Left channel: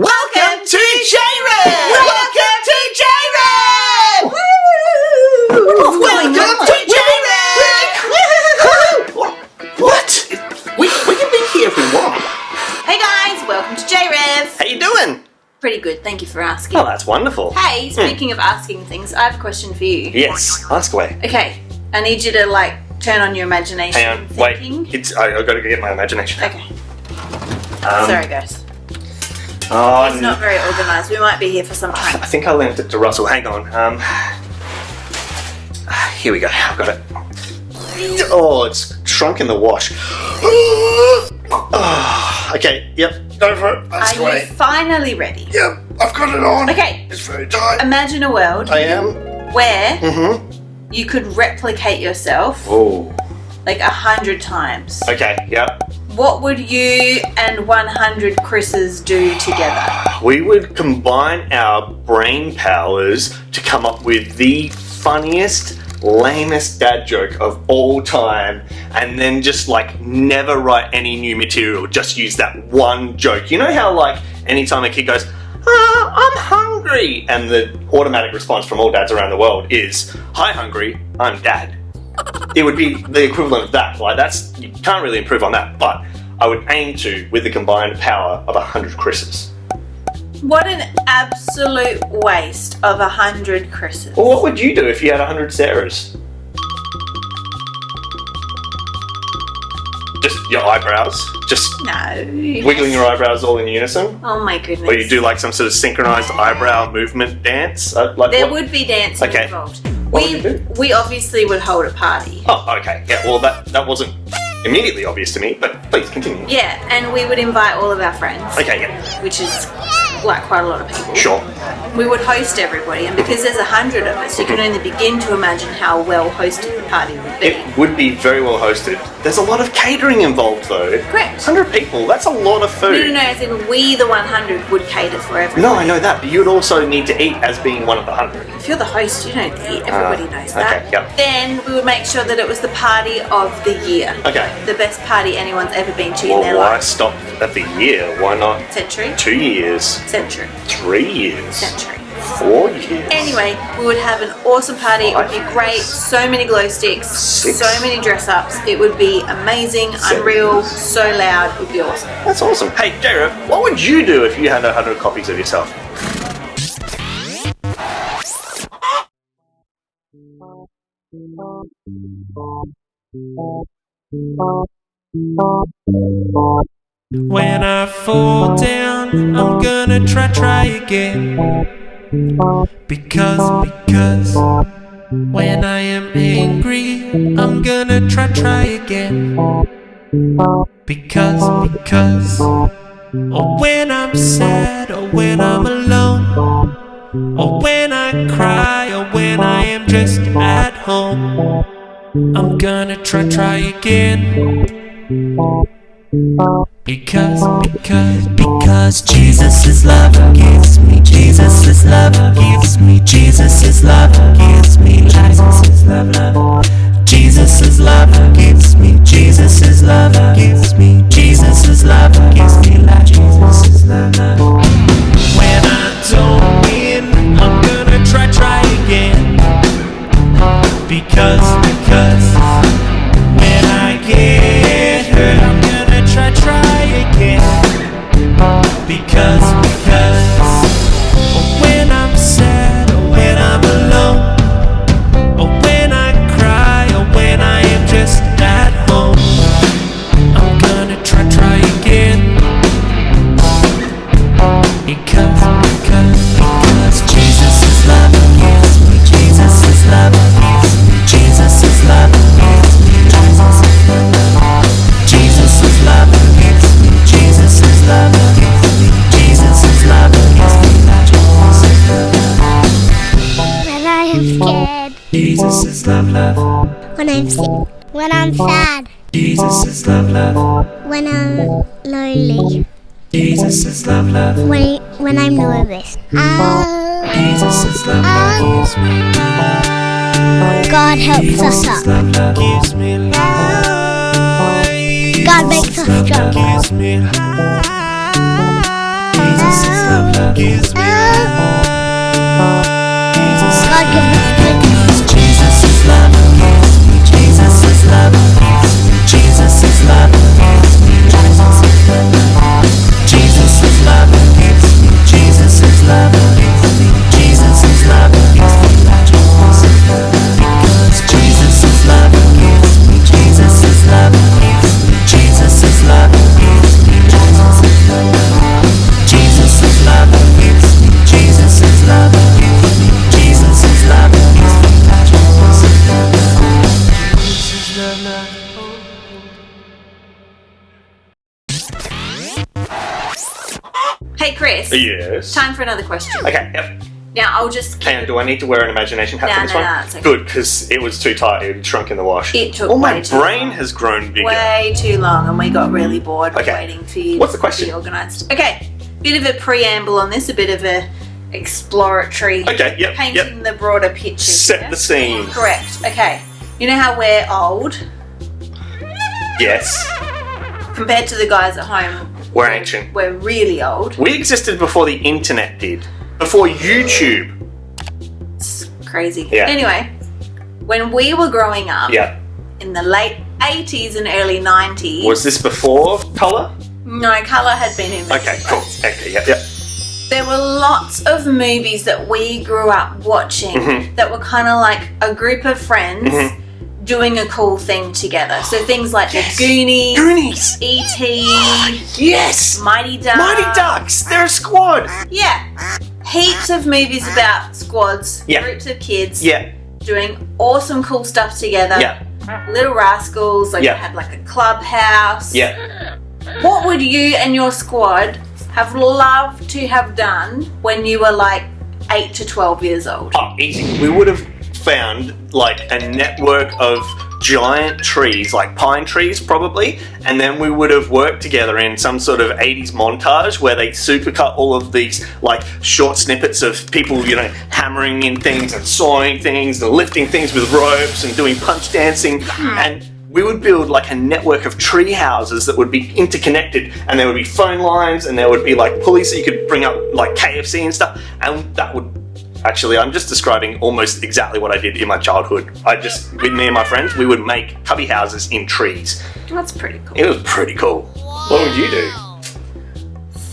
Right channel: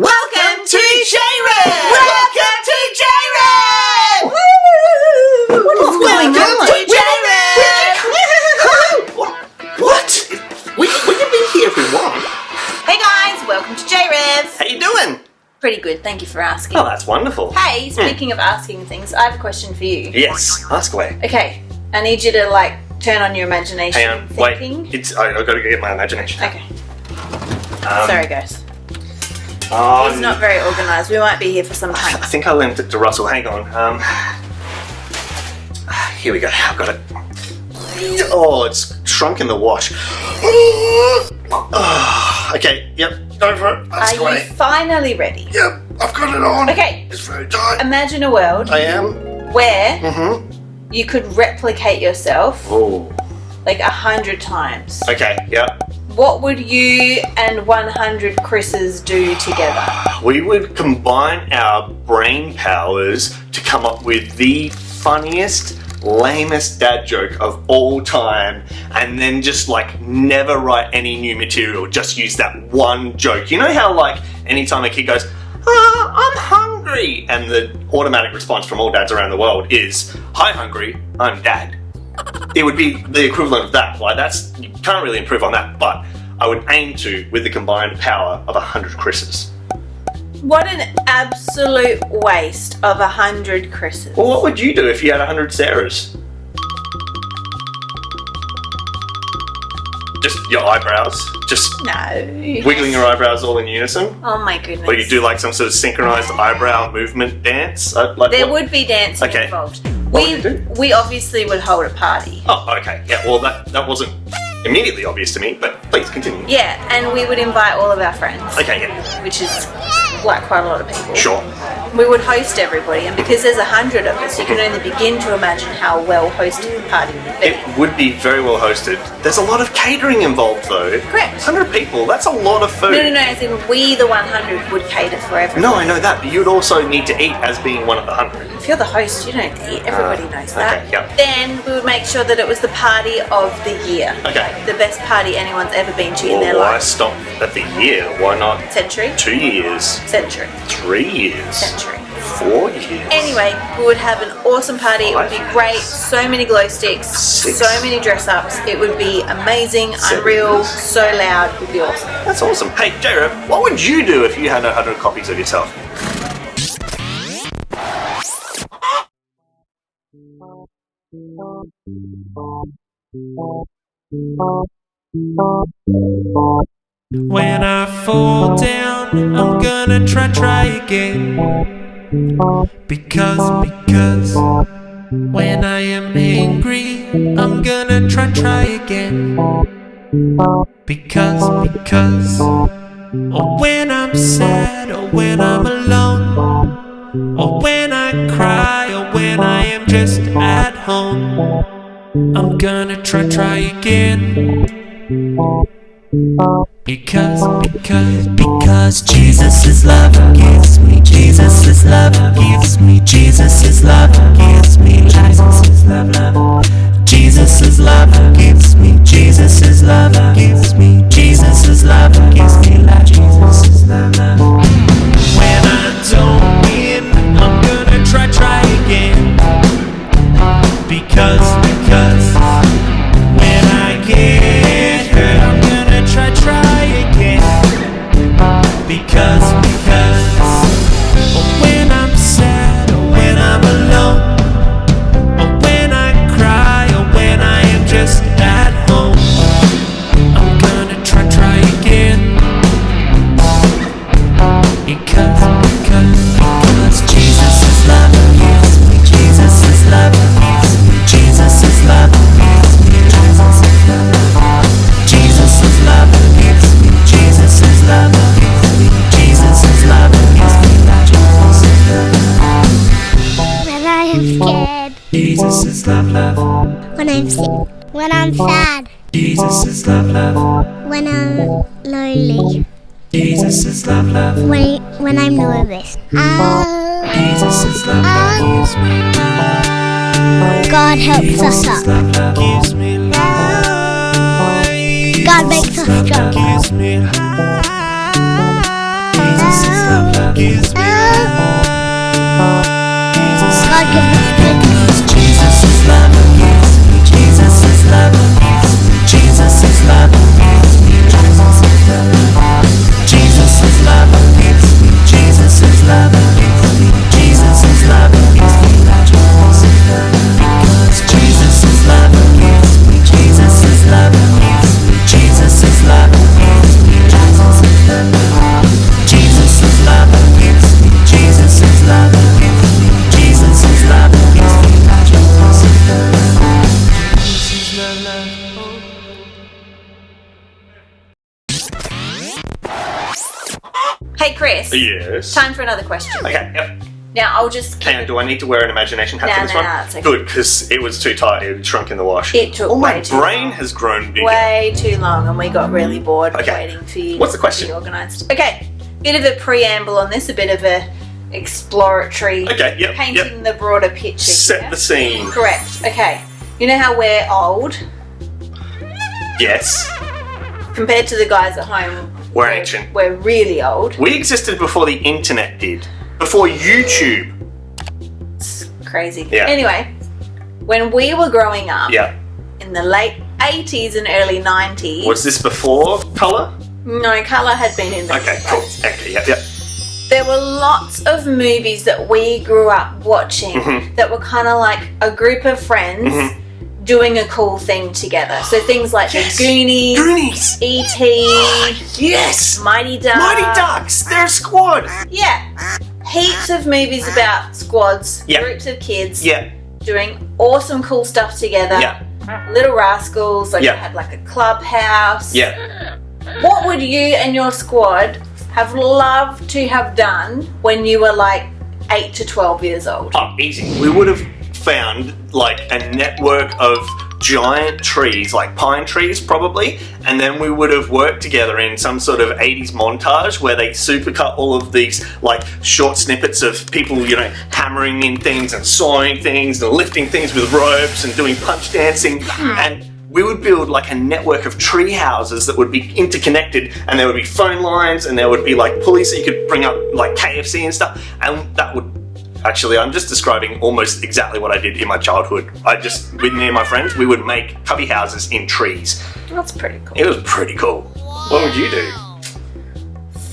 Welcome to JRev! Welcome to JRev! Welcome to JRev! What? We can be here if we want. Hey guys, welcome to JRev. How you doing? Pretty good, thank you for asking. Oh, that's wonderful. Hey, speaking of asking things, I have a question for you. Yes, ask away. Okay, I need you to turn on your imagination. Hang on, thinking. wait. I've got to get my imagination. Okay. Sorry guys. It's Oh, not very organised. We might be here for some I time. think I lent it to Russell. Hang on. Here we go. I've got it. Oh, it's shrunk in the wash. Okay, yep. Go for it. Ask Are away. you finally ready? Yep, I've got it on. Okay. It's very tight. Imagine a world I am. where you could replicate yourself Oh. 100 times. Okay, yeah. What would you and 100 Chris's do together? We would combine our brain powers to come up with the funniest, lamest dad joke of all time, and then just never write any new material, just use that one joke. You know how anytime a kid goes, I'm hungry, and the automatic response from all dads around the world is, hi hungry, I'm dad. It would be the equivalent of that. You can't really improve on that, but I would aim to with the combined power of 100 Chris's. What an absolute waste of 100 Chris's. Well, what would you do if you had 100 Sarahs? Just your eyebrows? Just No. wiggling your eyebrows all in unison? Oh my goodness. Or you do some sort of synchronized eyebrow movement dance? There would be dancing Okay. involved. What would you do? We obviously would hold a party. Oh, okay. Yeah, well, that wasn't immediately obvious to me, but please continue. Yeah, and we would invite all of our friends. Okay, yeah. Which is quite a lot of people. Sure. We would host everybody, and because there's 100 of us, you can only begin to imagine how well hosted the party would be. It would be very well hosted. There's a lot of catering involved, though. Correct. 100 people, that's a lot of food. No, as in we, the 100, would cater for everyone. No, I know that, but you'd also need to eat as being one of the 100. If you're the host, you don't eat. Everybody knows that. Okay, yeah. Then we would make sure that it was the party of the year. Okay. The best party anyone's ever been to in their Why life. stop at the year? Why not Century? 2 years, Century. 3 years, Century. 4 years? Anyway, we would have an awesome party. It would be great. So many glow sticks. 6. So many dress ups. It would be amazing, 7. unreal, so loud. It would be awesome. That's awesome. Hey, JRev, what would you do if you had 100 copies of yourself? When I fall down, I'm gonna try again. Because when I am angry, I'm gonna try again. Because or when I'm sad, or when I'm alone, or when I cry, or when I am just at home, I'm gonna try again. Because Jesus is love, gives me Jesus is love, gives me Jesus is love, gives me life. Jesus is love. Jesus is love, gives me Jesus is love, gives me Jesus is love, gives me life. Jesus is love. When I don't win, I'm gonna try again. Because when I get hurt, I'm gonna try again. Because or when I'm sad, or when I'm alone, or when I cry, or when I am just at home, I'm gonna try again. Because Jesus is love, gives me Jesus is love, gives me Jesus is love, gives me Jesus is love. Jesus is love, gives me Jesus is love, gives me Jesus is love, gives me life. Jesus is love. When I am scared. Jesus is love. When I'm sick. When I'm sad. Jesus is love. When I'm lonely. Jesus is love. When I'm nervous. Jesus is love. Gives me life. God helps us Jesus is up. love. Gives me life. God makes us strong. Gives me life. Jesus is love. gives me life. God give us goodness. Jesus is love gives me. Jesus is love gives me. Jesus is love gives me. Jesus is love gives me. Jesus is love gives me. Jesus is love gives me. Because Jesus is love gives me. Jesus is love gives me. Jesus is love gives me. Jesus is love gives me. Jesus is love gives me. Jesus is love gives me. Jesus is love, love. Hey, Chris. Yes. Time for another question. Okay, yep. Now, I'll just... Hang on, do I need to wear an imagination hat for this one? No, it's okay. Good, because it was too tight. It shrunk in the wash. It took my way too brain long. has grown bigger. Way too long, and we got really bored Okay. waiting for you What's the to question? be organised. Okay, bit of a preamble on this, a bit of a exploratory, Okay, yep, painting the broader picture. Set here. the scene. Correct. Okay, you know how we're old Yes. compared to the guys at home. We're ancient. We're really old. We existed before the internet did. Before YouTube. It's crazy. Yeah. Anyway, when we were growing up Yeah. in the late 80s and early 90s, Was this before colour? no, colour had been invented. Okay, cool. Okay, yeah. There were lots of movies that we grew up watching Mhm. that were kind of like a group of friends Mhm. doing a cool thing together. So things like Yes. The Goonies, Goonies. E.T., Yes. Mighty Ducks. Mighty Ducks. They're a squad. Yeah. Heaps of movies about squads, Yeah. groups of kids Yeah. doing awesome cool stuff together. Yeah. Little Rascals, like Yeah. they had like a clubhouse. Yeah. What would you and your squad have loved to have done when you were like 8 to 12 years old? Oh, easy. We would have found like a network of giant trees, like pine trees probably, and then we would have worked together in some sort of 80s montage where they supercut all of these like short snippets of people, you know, hammering in things and sawing things and lifting things with ropes and doing punch dancing, and we would build like a network of tree houses that would be interconnected, and there would be phone lines and there would be like pulleys so you could bring up like KFC and stuff, and that would... Actually, I'm just describing almost exactly what I did in my childhood. With me and my friends, we would make cubby houses in trees. That's pretty cool. It was pretty cool. What would you do?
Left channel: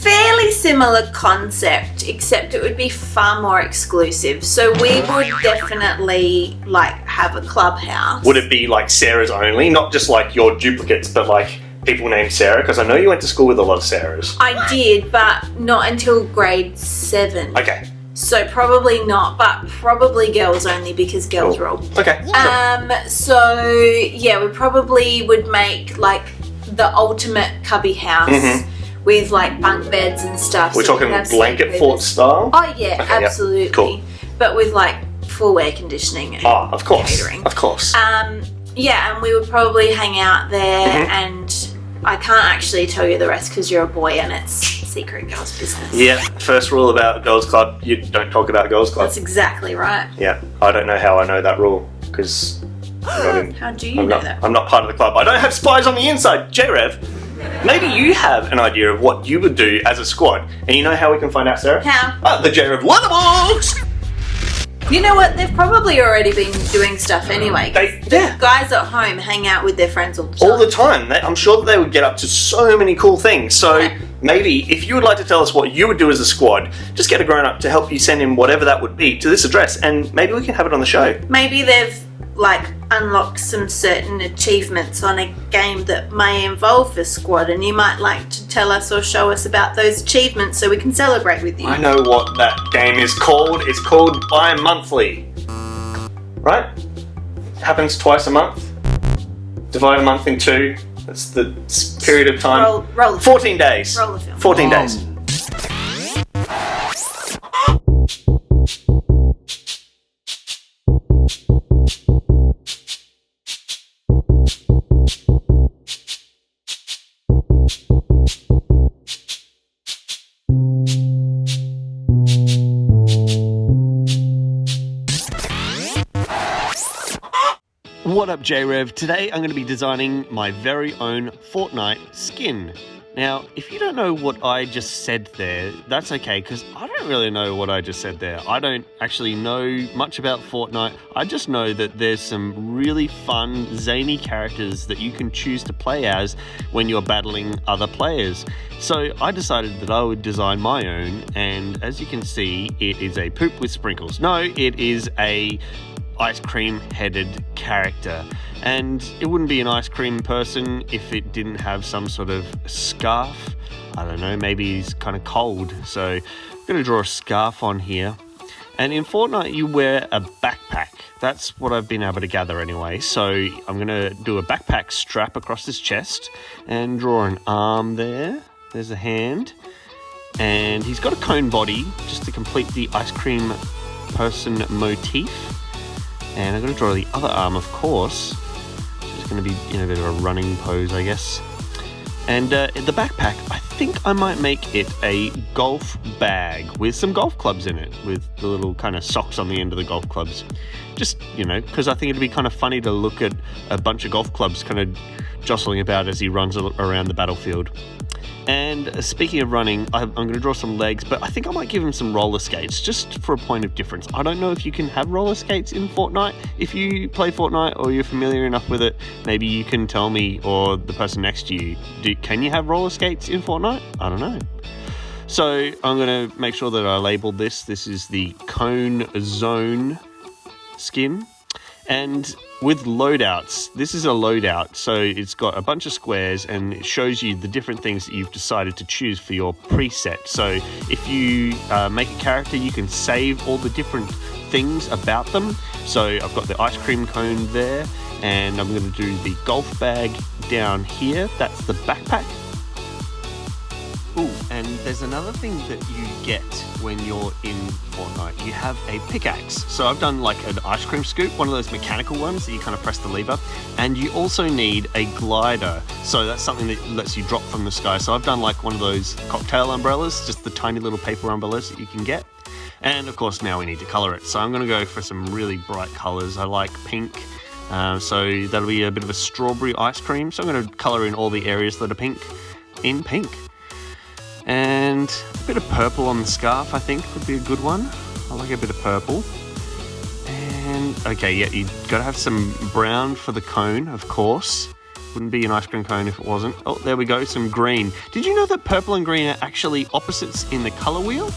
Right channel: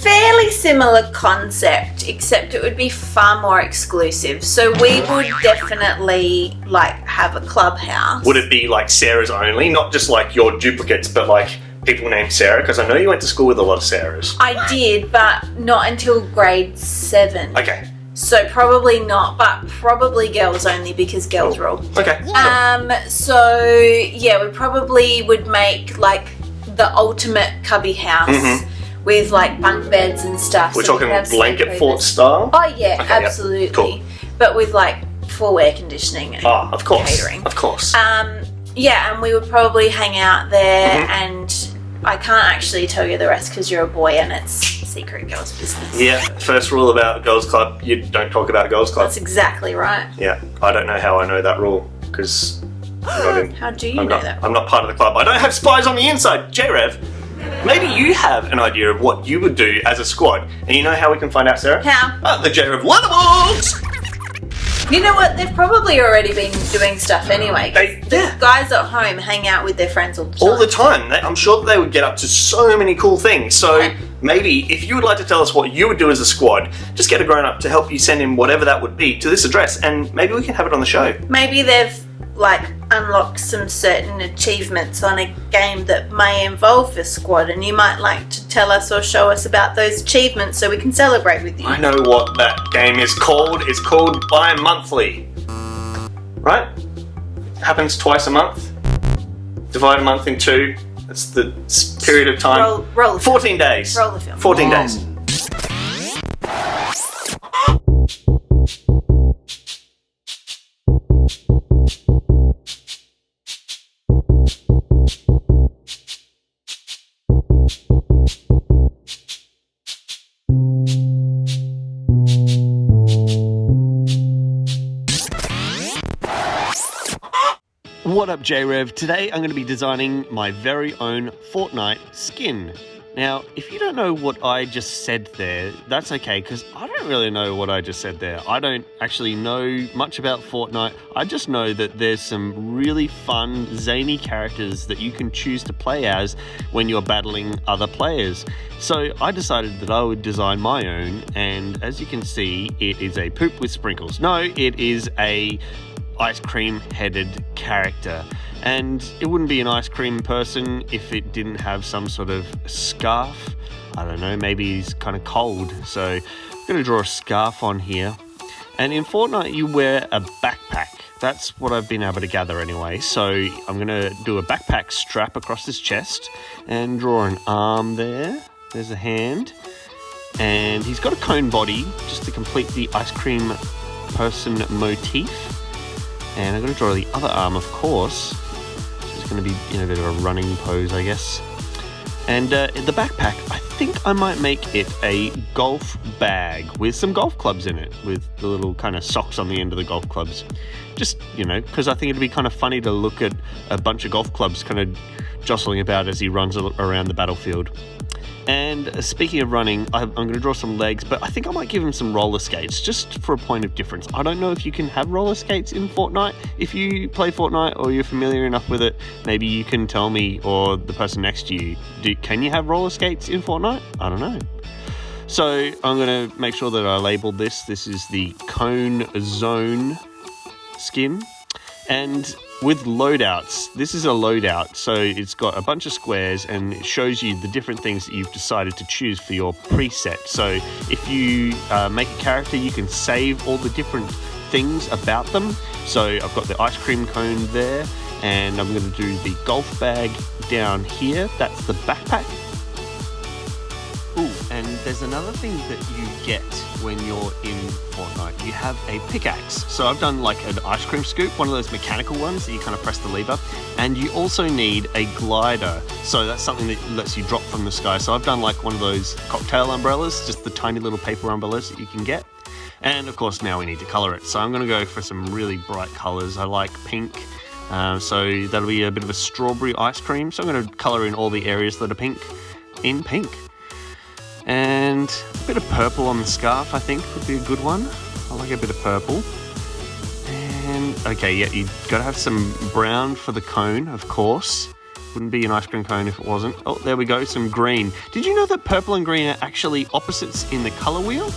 Fairly similar concept, except it would be far more exclusive. So we would definitely like have a clubhouse. Would it be like Sarah's only? Not just like your duplicates, but like people named Sarah? Because I know you went to school with a lot of Sarahs. I did, but not until grade 7. Okay. So probably not, but probably girls only because girls rule. Okay. So yeah, we probably would make like the ultimate cubby house Mhm. with like bunk beds and stuff. We're so we talking could have blanket sleepovers. fort style? Oh yeah, Okay, yeah. absolutely. Cool. But with like full air conditioning and Oh, of course. catering. Of course. Yeah, and we would probably hang out there, Mhm. and I can't actually tell you the rest because you're a boy and it's secret girls' business. Yeah, first rule about Girls Club, you don't talk about Girls Club. That's exactly right. Yeah, I don't know how I know that rule, because How do you know that? I'm not part of the club. I don't have spies on the inside. JRev, maybe you have an idea of what you would do as a squad, and you know how we can find out, Sarah? How? Oh, the JRev Letterbox! You know what? They've probably already been doing stuff anyway. Yeah. Guys at home hang out with their friends all the time. All the time. I'm sure they would get up to so many cool things. So maybe if you would like to tell us what you would do as a squad, just get a grown up to help you send in whatever that would be to this address, and maybe we can have it on the show. Maybe they've like unlocked some certain achievements on a game that may involve the squad, and you might like to tell us or show us about those achievements so we can celebrate with you. I know what that game is called. It's called Bi-Monthly. Right? Happens twice a month. Divide a month in 2. That's the period of time. Roll the 14 days. Roll the film. 14 days. What up, JRev? Today I'm going to be designing my very own Fortnite skin. Now, if you don't know what I just said there, that's okay, because I don't really know what I just said there. I don't actually know much about Fortnite. I just know that there's some really fun, zany characters that you can choose to play as when you're battling other players. So I decided that I would design my own, and as you can see, it is a poop with sprinkles. No, it is a ice cream headed character, and it wouldn't be an ice cream person if it didn't have some sort of scarf. I don't know, maybe he's kind of cold, so I'm going to draw a scarf on here. And in Fortnite you wear a backpack. That's what I've been able to gather anyway. So I'm going to do a backpack strap across his chest and draw an arm there. There's a hand, and he's got a cone body just to complete the ice cream person motif. And I'm going to draw the other arm, of course. It's going to be in a bit of a running pose, I guess. And the backpack, I think I might make it a golf bag with some golf clubs in it, with the little kind of socks on the end of the golf clubs. Just, because I think it'd be kind of funny to look at a bunch of golf clubs kind of jostling about as he runs around the battlefield. And speaking of running, I'm going to draw some legs, but I think I might give him some roller skates, just for a point of difference. I don't know if you can have roller skates in Fortnite. If you play Fortnite or you're familiar enough with it, maybe you can tell me, or the person next to you, can you have roller skates in Fortnite? I don't know. So I'm going to make sure that I labeled this. This is the Cone Zone skin. And with loadouts, this is a loadout, so it's got a bunch of squares and it shows you the different things that you've decided to choose for your preset. So if you make a character, you can save all the different things about them. So I've got the ice cream cone there, and I'm going to do the golf bag down here. That's the backpack. Ooh, and there's another thing that you get when you're in Fortnite. You have a pickaxe. So I've done like an ice cream scoop, one of those mechanical ones that you kind of press the lever. And you also need a glider. So that's something that lets you drop from the sky. So I've done like one of those cocktail umbrellas, just the tiny little paper umbrellas that you can get. And of course now we need to color it. So I'm going to go for some really bright colors. I like pink. So that'll be a bit of a strawberry ice cream. So I'm going to color in all the areas that are pink in pink. And a bit of purple on the scarf, I think, would be a good one. I like a bit of purple. And, okay, yeah, you've got to have some brown for the cone, of course. Wouldn't be an ice cream cone if it wasn't. Oh, there we go, some green. Did you know that purple and green are actually opposites in the color wheel?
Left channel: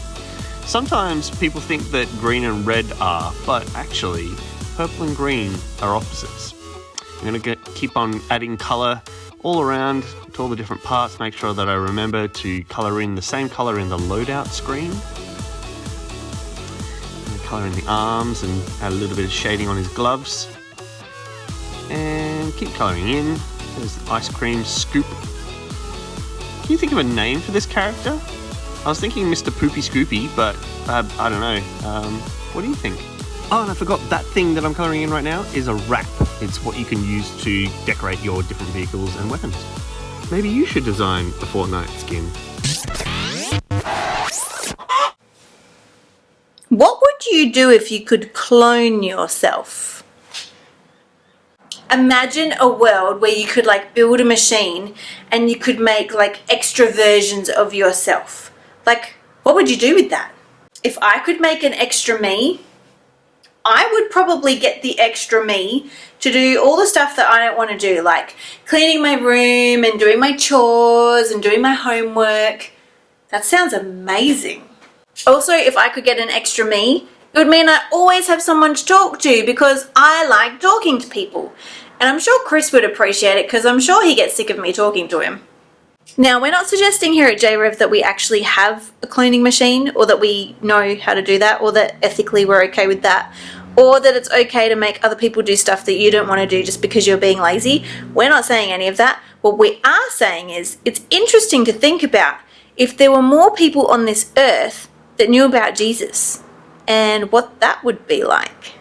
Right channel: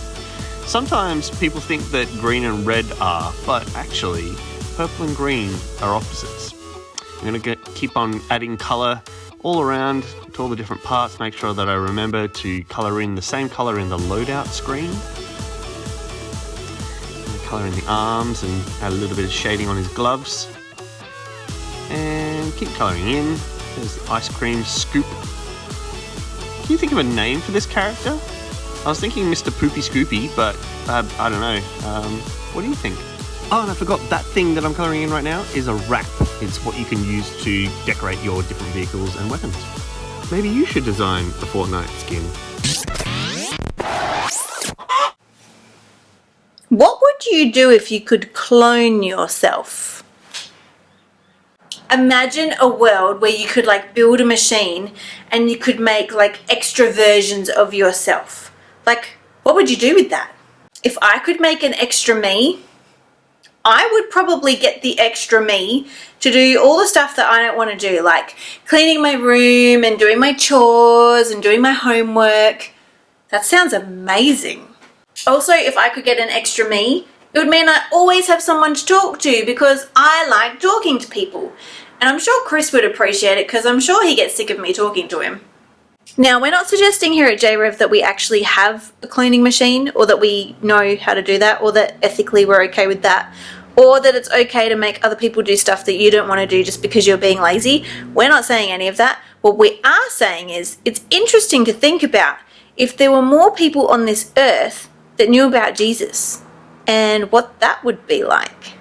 Sometimes people think that green and red are, but actually, purple and green are opposites. I'm going to keep on adding color all around to all the different parts. Make sure that I remember to color in the same color in the loadout screen. Color in the arms and add a little bit of shading on his gloves. And keep coloring in. There's the ice cream scoop. Can you think of a name for this character? I was thinking Mr. Poopy Scoopy, but I don't know. What do you think? Oh, and I forgot, that thing that I'm colouring in right now is a wrap. It's what you can use to decorate your different vehicles and weapons. Maybe you should design a Fortnite skin. What would you do if you could clone yourself? Imagine a world where you could like build a machine and you could make like extra versions of yourself. Like, what would you do with that? If I could make an extra me, I would probably get the extra me to do all the stuff that I don't want to do, like cleaning my room and doing my chores and doing my homework. That sounds amazing. Also, if I could get an extra me, it would mean I always have someone to talk to because I like talking to people. And I'm sure Chris would appreciate it because I'm sure he gets sick of me talking to him. Now, we're not suggesting here at JRev that we actually have a cloning machine or that we know how to do that or that ethically we're okay with that or that it's okay to make other people do stuff that you don't want to do just because you're being lazy. We're not saying any of that. What we are saying is it's interesting to think about if there were more people on this earth that knew about Jesus and what that would be like.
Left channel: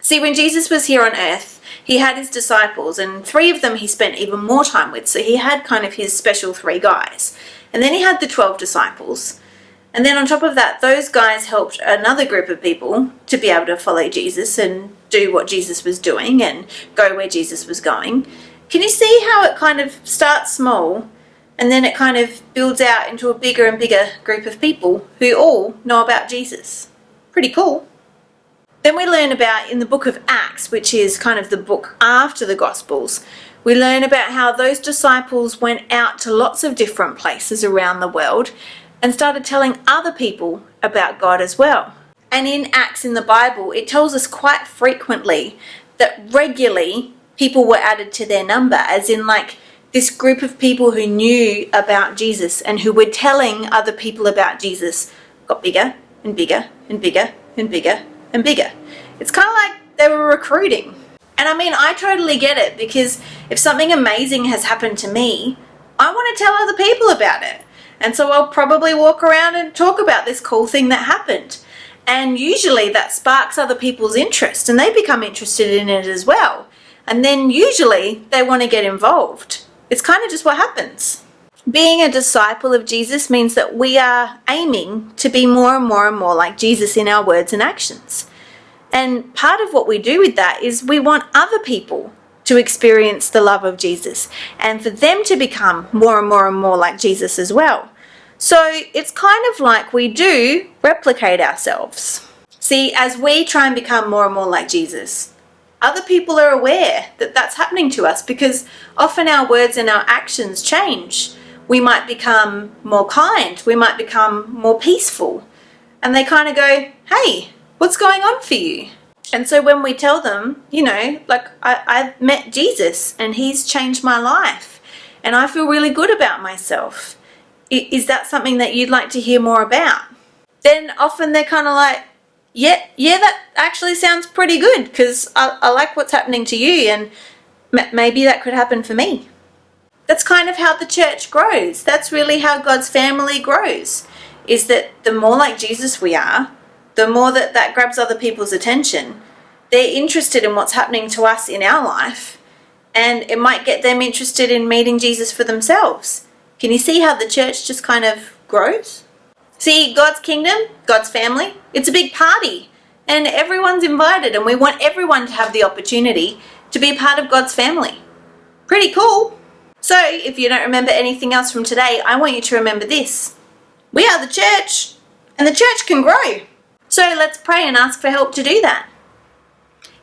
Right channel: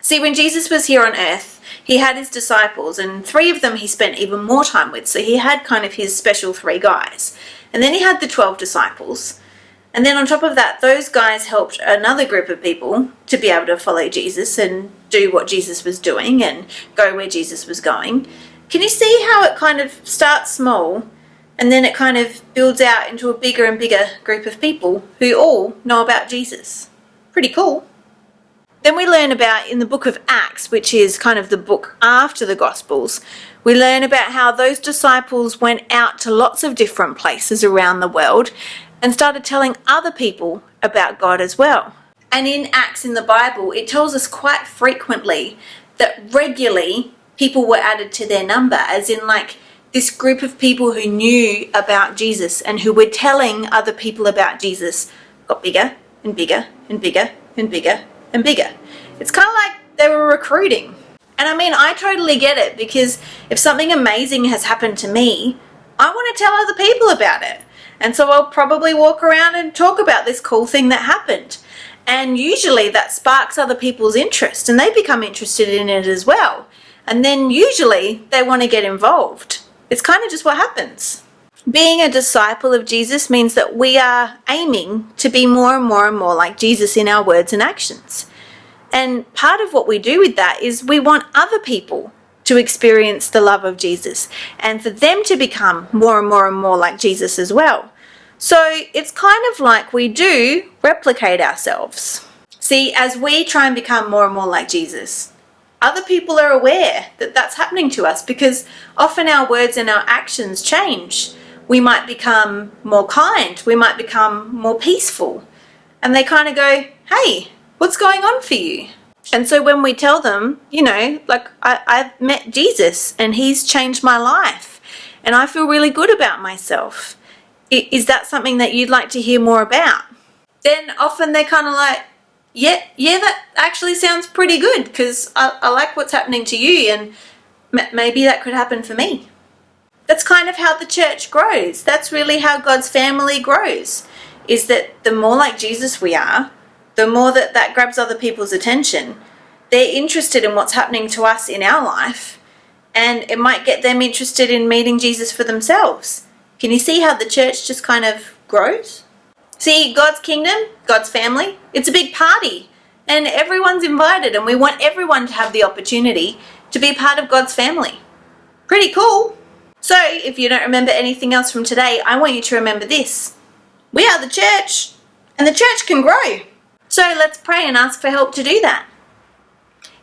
See, when Jesus was here on earth, he had his disciples and 3 of them he spent even more time with. So he had kind of his special 3 guys. And then he had the 12 disciples. And then on top of that, those guys helped another group of people to be able to follow Jesus and do what Jesus was doing and go where Jesus was going. Can you see how it kind of starts small And then it kind of builds out into a bigger and bigger group of people who all know about Jesus. Pretty cool. Then we learn about, in the book of Acts, which is kind of the book after the Gospels, we learn about how those disciples went out to lots of different places around the world and started telling other people about God as well. And in Acts in the Bible, it tells us quite frequently that regularly people were added to their number, as in like this group of people who knew about Jesus and who were telling other people about Jesus got bigger and bigger and bigger and bigger and bigger. It's kind of like they were recruiting. And I mean, I totally get it, because if something amazing has happened to me, I want to tell other people about it. And so I'll probably walk around and talk about this cool thing that happened. And usually that sparks other people's interest and they become interested in it as well. And then usually they want to get involved. It's kind of just what happens. Being a disciple of Jesus means that we are aiming to be more and more and more like Jesus in our words and actions. And part of what we do with that is we want other people to experience the love of Jesus and for them to become more and more and more like Jesus as well. So it's kind of like we do replicate ourselves. See, as we try and become more and more like Jesus, other people are aware that that's happening to us, because often our words and our actions change. We might become more kind, we might become more peaceful, and they kind of go, hey, what's going on for you? And so when we tell them, you know, like I've met Jesus and he's changed my life and I feel really good about myself. Is that something that you'd like to hear more about? Then often they're kind of like, yeah, that actually sounds pretty good, because I like what's happening to you and maybe that could happen for me. That's kind of how the church grows. That's really how God's family grows, is that the more like Jesus we are, the more that grabs other people's attention. They're interested in what's happening to us in our life, and it might get them interested in meeting Jesus for themselves. Can you see how the church just kind of grows? See, God's kingdom, God's family, it's a big party, and everyone's invited, and we want everyone to have the opportunity to be part of God's family. Pretty cool. So, if you don't remember anything else from today, I want you to remember this. We are the church, and the church can grow. So let's pray and ask for help to do that.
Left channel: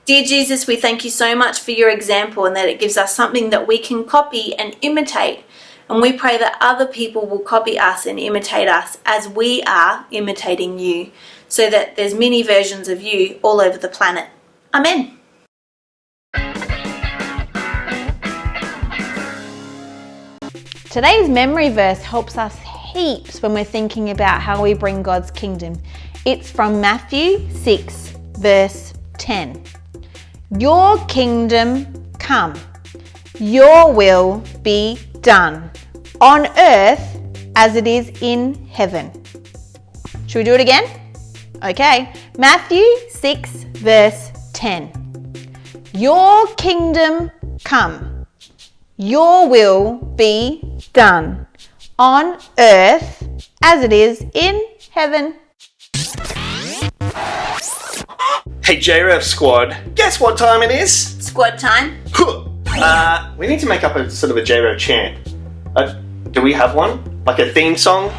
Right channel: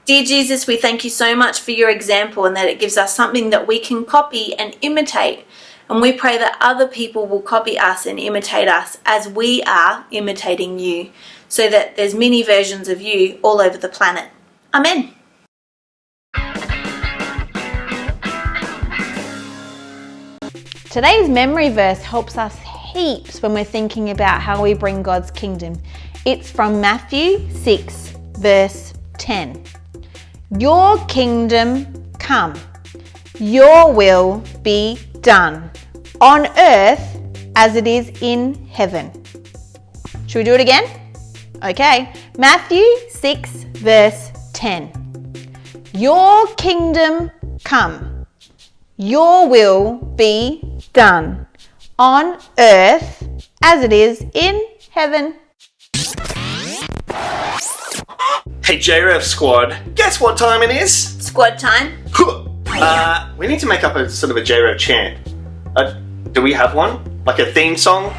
Dear Jesus, we thank you so much for your example and that it gives us something that we can copy and imitate. And we pray that other people will copy us and imitate us as we are imitating you, so that there's many versions of you all over the planet. Amen. Today's memory verse helps us heaps when we're thinking about how we bring God's kingdom. It's from Matthew 6, verse 10. Your kingdom come, your will be done, on earth as it is in heaven. Should we do it again? Okay, Matthew 6, verse 10. Your kingdom come, your will be done, on earth as it is in heaven. Hey JRev squad, guess what time it is? Squad time. We need to make up a sort of a JRev chant. Do we have one? Like a theme song?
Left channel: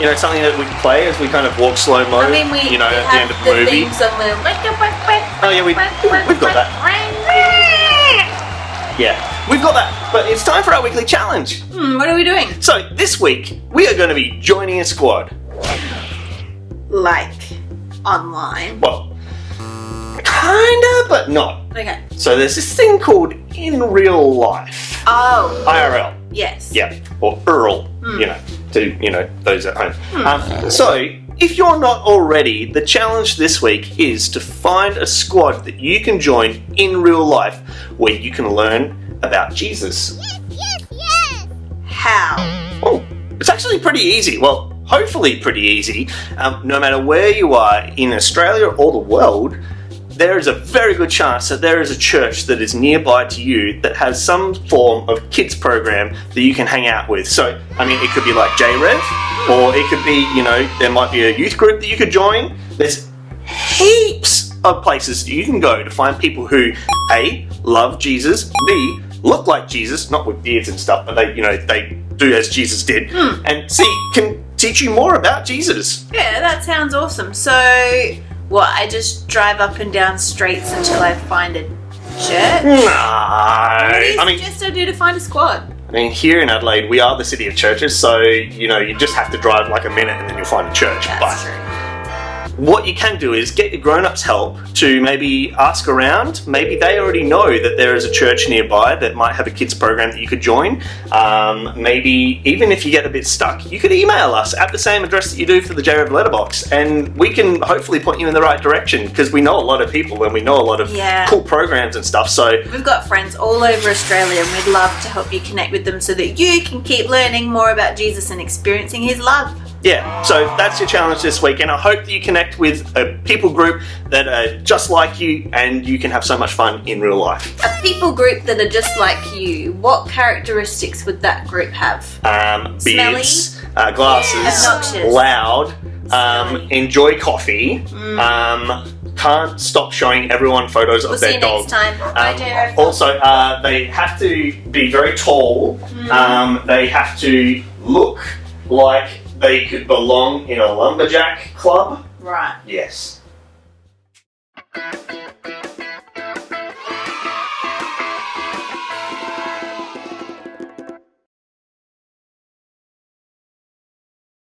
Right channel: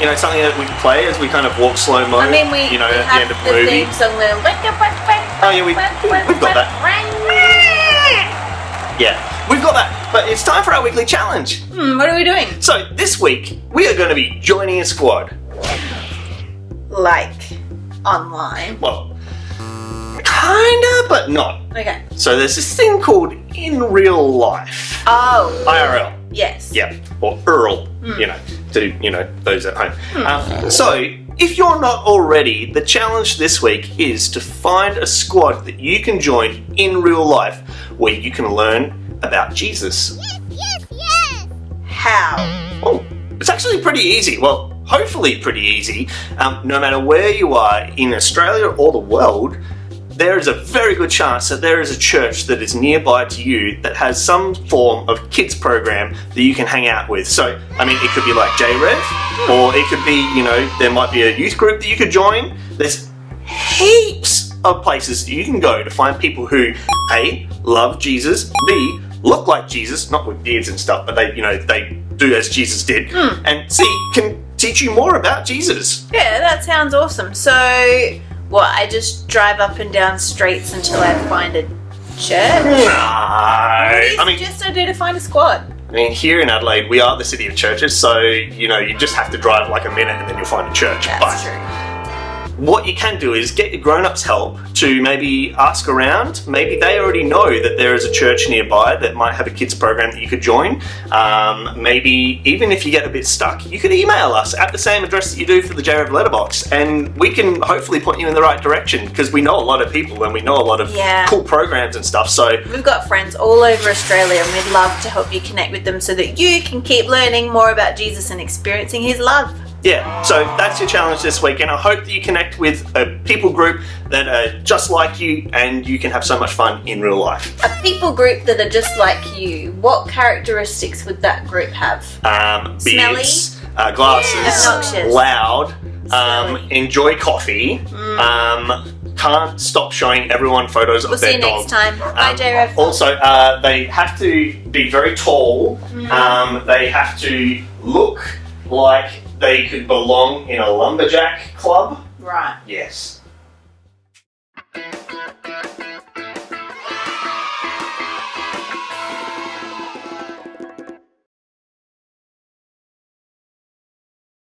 You know, something that we can play as we kind of walk slow-mo, I mean, we at the have end of the movie. theme song where Oh yeah, we've got that. Yeah, we've got that. But it's time for our weekly challenge. What are we doing? So this week, we are going to be joining a squad. Like, online. Well, kinda, but not. Okay. So there's this thing called in real life. Oh. IRL. Yes. Yeah, or Earl, to those at home. So, if you're not already, the challenge this week is to find a squad that you can join in real life where you can learn about Jesus. Yes! How? Oh, it's actually pretty easy. Well, hopefully pretty easy. No matter where you are in Australia or the world, there is a very good chance that there is a church that is nearby to you that has some form of kids program that you can hang out with. So, I mean, it could be like JRev, or it could be, there might be a youth group that you could join. There's heaps of places that you can go to find people who, A, love Jesus, B, look like Jesus, not with beards and stuff, but they do as Jesus did, and can teach you more about Jesus. Yeah, that sounds awesome. So, what? I just drive up and down streets until I find a church? No, I do to find a squad? I mean, here in Adelaide, we are the city of churches, so you just have to drive like a minute and then you'll find a church. That's true. What you can do is get your grown-ups help to maybe ask around. Maybe they already know that there is a church nearby that might have a kids program that you could join. Maybe even if you get a bit stuck, you could email us at the same address that you do for the JRev letterbox, and we can hopefully point you in the right direction, because we know a lot of people and we know a lot of cool programs and stuff. So we've got friends all over Australia, and we'd love to help you connect with them so that you can keep learning more about Jesus and experiencing his love. Yeah, so that's your challenge this week, and I hope that you connect with a people group that are just like you, and you can have so much fun in real life. A people group that are just like you, what characteristics would that group have? Beards, glasses, Yeah. loud, enjoy coffee, can't stop showing everyone photos of their dog. We'll see you next time. Bye, JRev. Also, they have to be very tall. They have to look like they could belong in a lumberjack club. Right. Yes.